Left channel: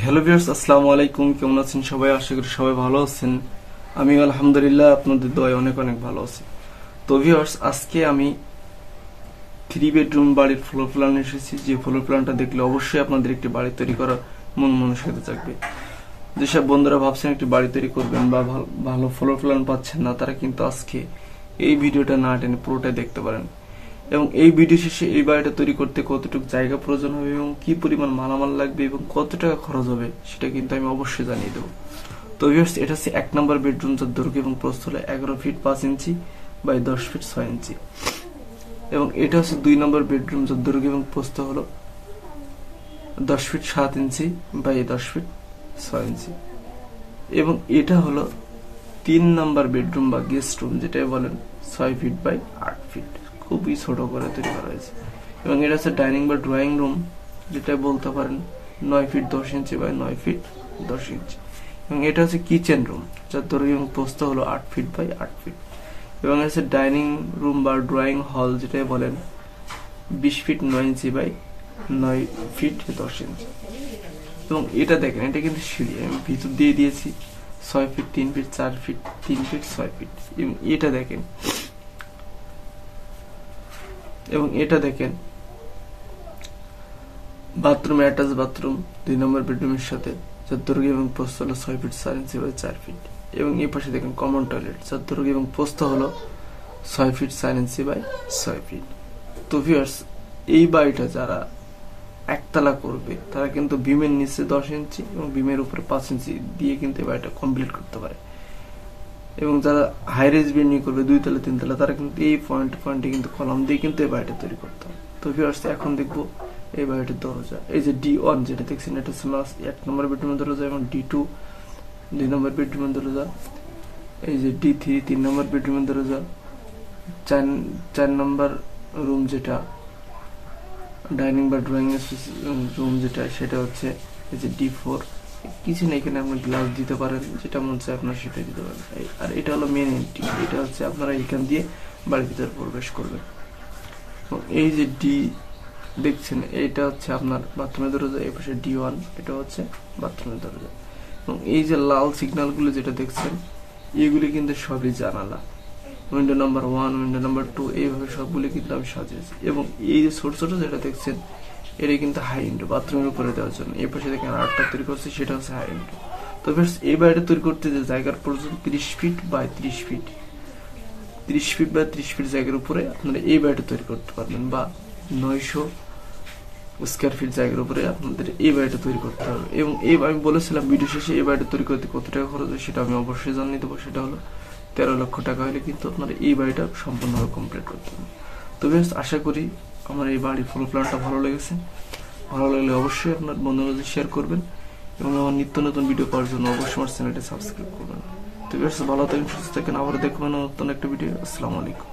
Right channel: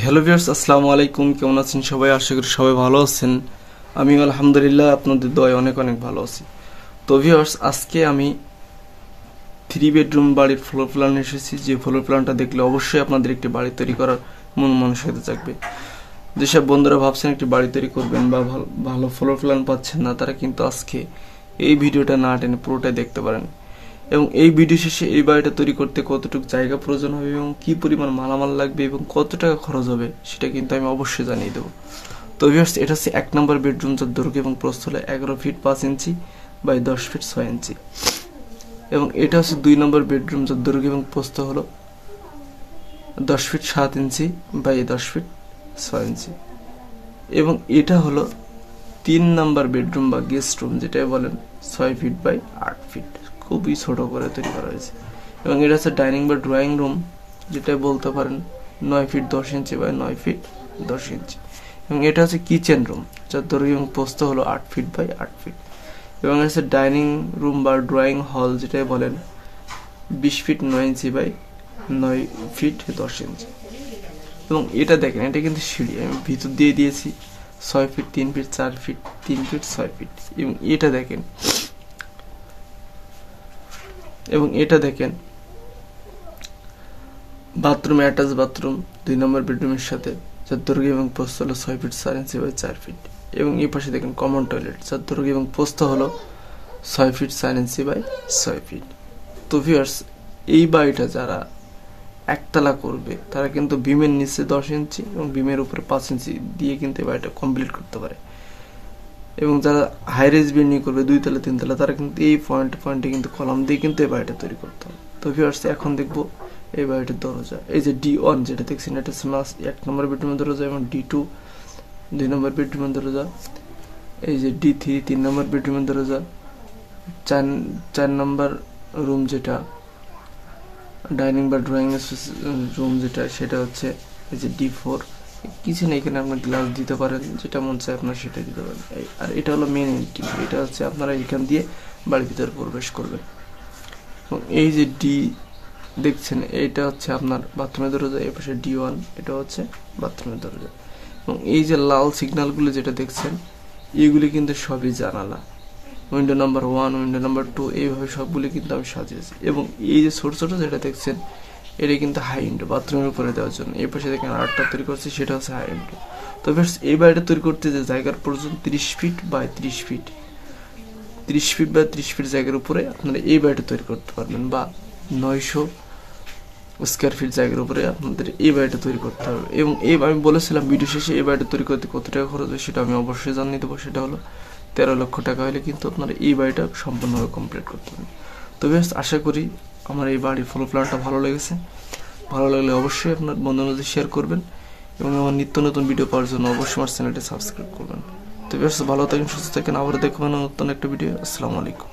Hello viewers, আসসালামু আলাইকুম। কেমন আছেন সবাই? আশা করি সবাই ভালো আছেন। আমি আলহামদুলিল্লাহ আপনাদের দয়ায় অনেক অনেক ভালো আছি। তো ভিউয়ার্স, আজকে আমি 3 বেডরুম বাড়ির ফ্লোর প্ল্যান এসেছি। যে ফ্লোর প্ল্যানটা দেখলে অবশ্যই আপনাদের একটি বাড়ি তৈরি করার মন মানসিকতা জাগবে। যেসব বন্ধুরা ভাবছেন একটি বাড়ি তৈরি করবেন বা ভালো ফ্লোর প্ল্যান পাচ্ছেন না, তারা কিন্তু আজকে এই ভিডিওটা না টেনে পুরোটাই দেখতে পারেন। এবং এই ভিডিও শেষে এই বাড়িটা তৈরি করতে কতটুকু জায়গা প্রয়োজন হবে এবং কি পরিমাণ মালামাল লাগবে এবং কত টাকা খরচ হবে সেটা কিন্তু আমি অবশ্যই জানিয়ে দেবো। তো ভিউয়ার্স, এটা হচ্ছে 1 নম্বর বেডরুম, যার দৈর্ঘ্য এবং প্রস্থ হলো 11 ফিট 5 ইঞ্চি বাই 10 ফিট 6 ইঞ্চি। এবং এটা হচ্ছে 2 নম্বর বেডরুম, যার দৈর্ঘ্য এবং প্রস্থ হলো 10 ফিট 7 ইঞ্চি বাই 10 ফিট 6 ইঞ্চি। এবং এটা হলো 3 নম্বর বেডরুম বা গেস্ট রুম, যেটা বলেন 6 ফিট বাই 8 ফিট, খুবই ছোট করে তৈরি করা হয়েছে। এবং এটা হচ্ছে ডাইনিং বা ড্রয়িং রুম, যেটা বলতে পারেন 9 ফিট 10 ইঞ্চি বাই 9 ফিট 10 ইঞ্চি। এবং এটা হচ্ছে কিচেন রুম, যার দৈর্ঘ্য এবং প্রস্থ হলো 8 ফিট বাই 8 ফিট। এবং এটা হচ্ছে ডাইনিং রুম বা ড্রয়িং হল, যেটা বলেন 20 ফিট 9 ইঞ্চি বাই 9 ফিট 10 ইঞ্চি। এবং এটা দেখেন, এটা কিন্তু সিঁড়ি আমি ভিতর দিয়ে দিয়েছি 6 feet 3 feet 4 feet 3 feet 6 feet. এবং এটা দেখেন, বাথরুম, অ্যাটাচ বাথরুম 2 নম্বর বেডরুমের সাথে, যার দৈর্ঘ্য এবং প্রস্থ হলো 6 ফিট 4 ইঞ্চি বাই 4 ফিট। এবং এই পাশে দেখেন কমন টয়লেট, যার দৈর্ঘ্য এবং প্রস্থ হলো 6 ফিট 4 ইঞ্চি বাই 6 ফিট। তো ভিউয়ার্স, এই বাড়িটা যারা একতলা করবে তারা কিন্তু বিমের নিচে 10 ইঞ্চি এবং বিমের উপরে 5 ইঞ্চি দিয়ে কিন্তু এই বাড়িটা কমপ্লিট করতে পারে। এবং যারা হাই রেজ বিল্ডিং করবে 2 তলা 3 তলা, তারা কিন্তু এই পয়েন্টে কিন্তু কলম দিয়ে কিন্তু এই বাড়িটা তৈরি করতে হবে। তো ভিউয়ার্স, এখন দেখবো এই বাড়িটার দরজা। এই যে D1 যেটা দেখছেন, এটা হচ্ছে 1 নম্বর বেডরুমের দরজা। এবং D2 2 নম্বর বেডরুমের দরজা। এই যে D3 3 নম্বর বেডরুমের দরজা। 4 নম্বর রুম, যেটা ডাইনিং বা ড্রয়িং রুম, যেটা সেটা হচ্ছে এই যে D4। কিছু নেই, এখানে আপনার গ্লাস দিতে পারেন, যেটা মন চায় আপনার সেটা দিতে পারেন। আর এটা হলো মেন এন্ট্রি, এটা হচ্ছে আপনারা এখান দিয়ে বাড়ির ভিতরে প্রবেশ করবেন। এই যে ডি দেখছেন, এটা হচ্ছে আপনার বাথরুমের দরজা। এই পাশে D1, এটা হচ্ছে বাথরুমের দরজা। এবং এই যে লাল সিগন্যালগুলো যেটা দেখছেন, এইগুলি কিন্তু সবই জানালা। উইন্ডো নাম্বার 1, উইন্ডো নাম্বার 2, এইভাবে সবগুলি কিন্তু আমি সাজিয়েছি। এবং এই যে ছোট ছোট যেটা দেখছেন, এটা কিন্তু হাই উইন্ডো, বাথরুমের উপরে দেওয়ার জন্য। এই পাশে দেখেন আরেকটা তৈরি করছে, সেটা হচ্ছে হাই উইন্ডো। তো এই বাড়িটা তৈরি করতে যে জায়গার প্রয়োজন 30 ফিট বাই 30 ফিট, 30 ফিট বা 30 ফিট জায়গার উপরে আপনারা এই বাড়িটা তৈরি করতে পারবেন, বা 900 স্কোয়ার ফিট জায়গার উপরে আপনাদের এই বাড়িটা তৈরি করতে হবে। এবং এই আমি বলেছিলাম ভিডিও শেষে এই বাড়িটা তৈরি করতে কত টাকা খরচ হয় সেটা আমি অবশ্যই জানিয়ে দেবো। সেটা হলো 13 লক্ষ টাকা হলে কিন্তু আপনারা এই বাড়িটা সম্পূর্ণভাবে কমপ্লিট করতে হবে। তো বেশ, আশা করি আমার এই বাড়ির ফ্লোর প্ল্যানটা ভালো লেগেছে। ভালো লাগলে অবশ্যই আপনার বন্ধুদের শেয়ার করবেন এবং আমার নিত্য নতুন ভিডিও পাওয়ার জন্য অবশ্যই আমার চ্যানেলটা সাবস্ক্রাইব করবেন। তো বেশ, ভালো থাকেন, সুস্থ থাকেন, আবার দেখবেন নতুন একটা ভিডিও। আসসালামু আলাইকুম।